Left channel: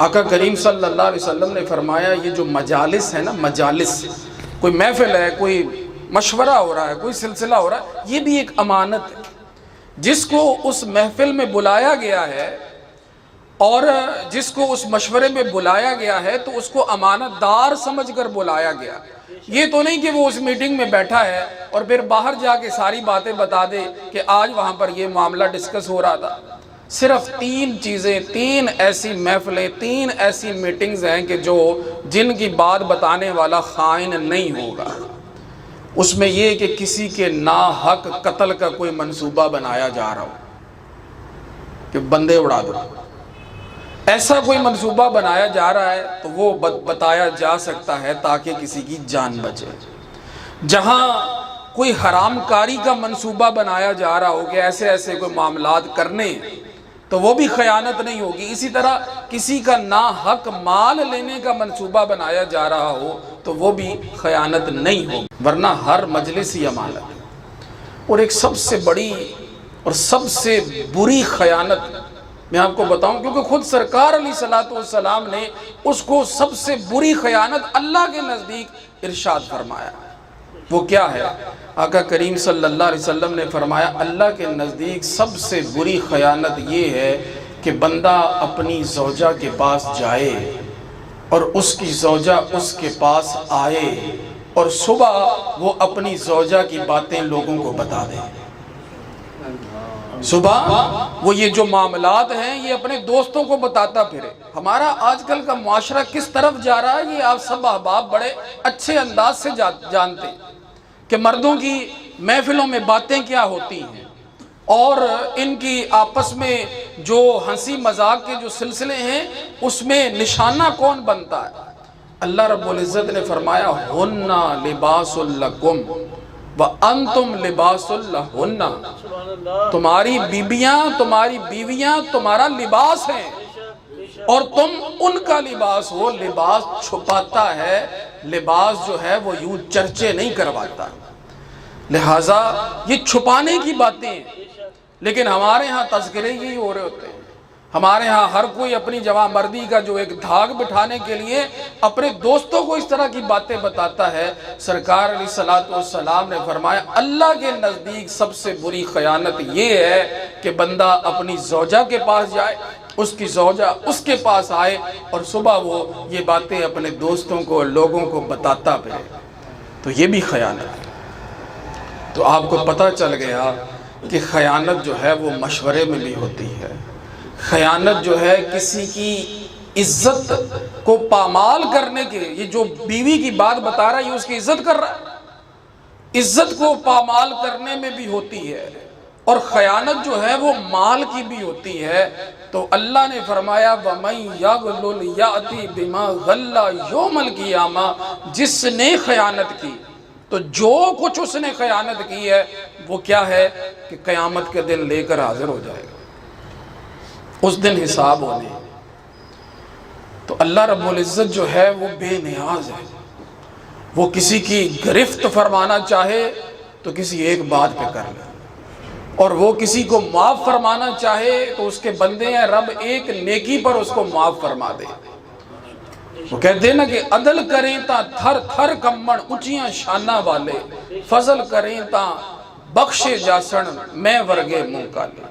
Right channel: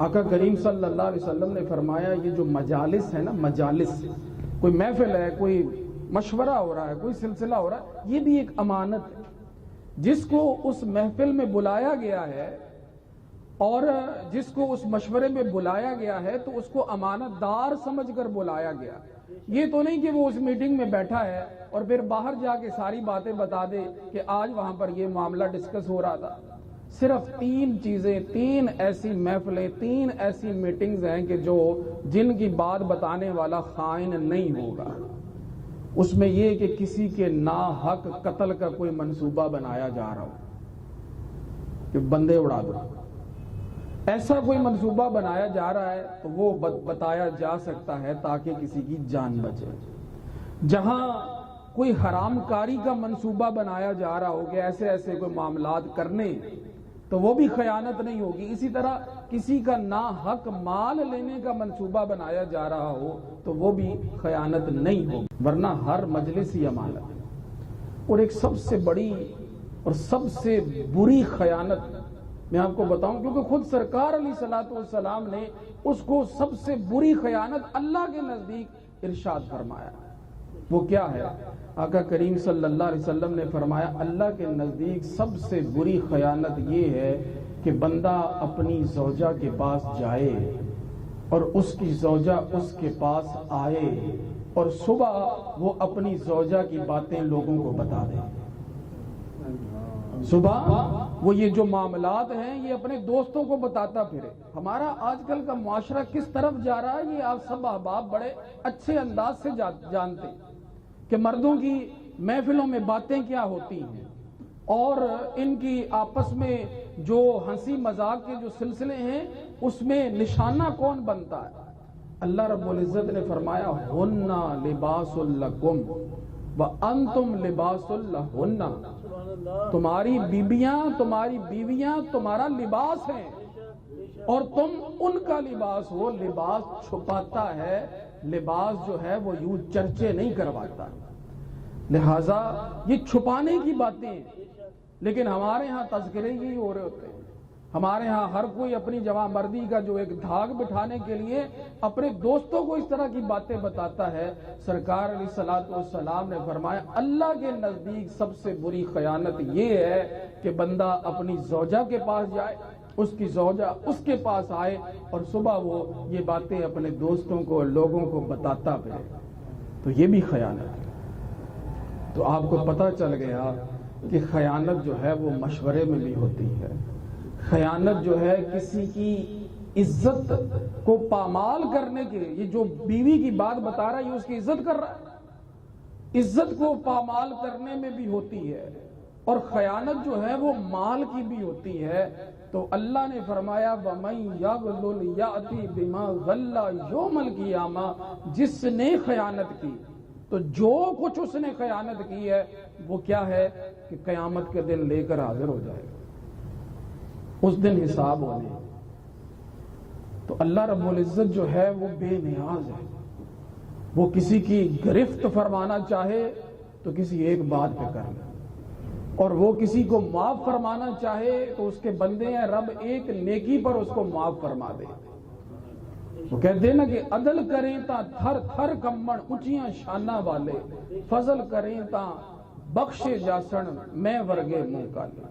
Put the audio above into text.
آقا کریم صلی اللہ علیہ وسلم نے فرمایا یہ جو مجالس ہے نا، مجالس، کوئی محفل ہے، کوئی مشورہ ہو رہا ہے، کوئی سلسلہ ہو رہا ہے، یہ بھی ایک امانت ہے۔ جس کو اس محفل میں بلایا گیا ہے اور جس کو اس مشورے میں بلایا گیا ہے تو اس کو امانت دار سمجھ کر بلایا گیا۔ یہ تو نہیں کہ وہ اس میٹنگ میں بیٹھا ہے اور پھر باہر جا کے ساری باتیں بتا دے کہ آج وہاں پر یہ معاملہ ڈسکس ہو رہا تھا۔ صرف 3 چیزیں، 3 ایسی محفلیں، 3 ایسی میٹنگز ہیں کہ جن کی بات بتانے والا خائن نہیں ہوگا۔ اس میں یہ کہ کسی کے ناحق قتل کا کوئی منصوبہ بنایا جا رہا ہو کہ بندے اڑا دو، ایسا کوئی منصوبہ بنایا جا رہا ہے تو وہ بتایا جا سکتا ہے تاکہ کسی کی جان بچے۔ جہاں کوئی حرام کاری کا منصوبہ بنایا جا رہا ہو کہ ایسے ایسے کوئی معاملات کرنے، تو وہ بھی خیانت نہیں ہوگی۔ اسی طرح کسی کا ناحق مال لینے کا منصوبہ بنایا جا رہا ہو تو وہ بھی خیانت نہیں ہوگی، ورنہ ہر مجلس ہی امانت ہے۔ اور ایک سب سے بڑی اور سب سے بری خیانت میں آپ کو بتاؤں، کیونکہ خود سرکار علیہ الصلوۃ والسلام نے اس کو سب سے بری خیانت اللہ کے نزدیک ارشاد فرمایا۔ وہ کیا ہے؟ آقا کریم صلی اللہ علیہ وسلم نے فرمایا اللہ کے نزدیک سب سے بری خیانت یہ ہے کہ بندہ اپنی زوجہ کے پاس جائے اور اس کی زوجہ اس کے پاس آئے اور صبح وہ اپنی زوجہ کی باتیں لوگوں کو بتا دے۔ صبح وہ یہ جو معاملات ہیں یہ اپنے دوستوں کو بتاتا پھرے۔ ہمارا آج کل کا معاشرہ کس طرف جا رہا ہے یہ آپ سب احباب بڑے اچھے انداز سے جانتے ہیں کہ مردوں کی محفلوں میں باتیں کیا ہوتی ہیں اور ان کی آپس میں جو ہنسی مذاق کے جو سلسلے ہیں اس میں نشانہ کون بنتا ہے۔ اللہ رب العزت نے فرمایا ہن لباس لکم وانتم لباس لہن، تمہاری بیویاں تمہارا لباس ہیں اور تم ان کا لباس ہو۔ لباس چھپاتا ہے، لباس جو ہے وہ یوں چرچے نہیں کرواتا، لہٰذا یہ چھپانے کی باتیں ہیں۔ لیکن ہمارے ہاں تذکرے یہی ہو رہے ہوتے ہیں۔ ہمارے ہاں ہر کوئی اپنی جوان مردی کا جو ایک دھاگ بٹھانے کے لیے اپنے دوستوں کو اس طرح کی باتیں بتاتا ہے۔ سرکار علیہ الصلوۃ والسلام نے فرمایا اللہ کے نزدیک سب سے بری خیانت یہ ہے کہ بندہ اپنی زوجہ کے پاس جائے، اس کی زوجہ اس کے پاس آئے اور صبح وہ یہ باتیں اپنے دوستوں کو لوگوں کو بتاتا پھرے، تو یہ بھی خیانت ہے۔ تو آپ کو پتہ چل گیا کہ خیانت جو ہے وہ مشورے میں بھی ہوتی ہے۔ خیانت جو ہے کسی کی عزت کو پامال کرنے کے، یہ جو بیوی کی بات بتا رہا ہے یہ اس کی عزت کر رہا ہے، عزت کو پامال کرنے میں بھی ہوتی ہے۔ اور خیانت جو ہے وہ مال کی بھی ہوتی ہے۔ تو اللہ نے فرمایا وَمَن يَغْلُلْ يَأْتِ بِمَا غَلَّ يَوْمَ الْقِيَامَةِ، جس نے خیانت کی تو جو کچھ اس نے خیانت کی ہے وہ کیا ہے کہ قیامت کے دن لے کر حاضر ہو جائے گا، اس دن حساب ہونے۔ تو اللہ رب العزت جو ہے وہ بے نیاز ہے، وہ کسی کی گرفت فرمانا چاہے تو کسی ایک بات پہ کر لے، اور وہ کسی کو معاف فرمانا چاہے تو اس کے بندے ہیں رب ایک نیکی پر اس کو معاف فرما دے۔ وہ کہتے ہیں نا کہ عدل کریں تا تھر تھر کمڑ اونچیاں شانہ والے، فضل کریں تا بخشے جاسن میں ورگے منہ کالے۔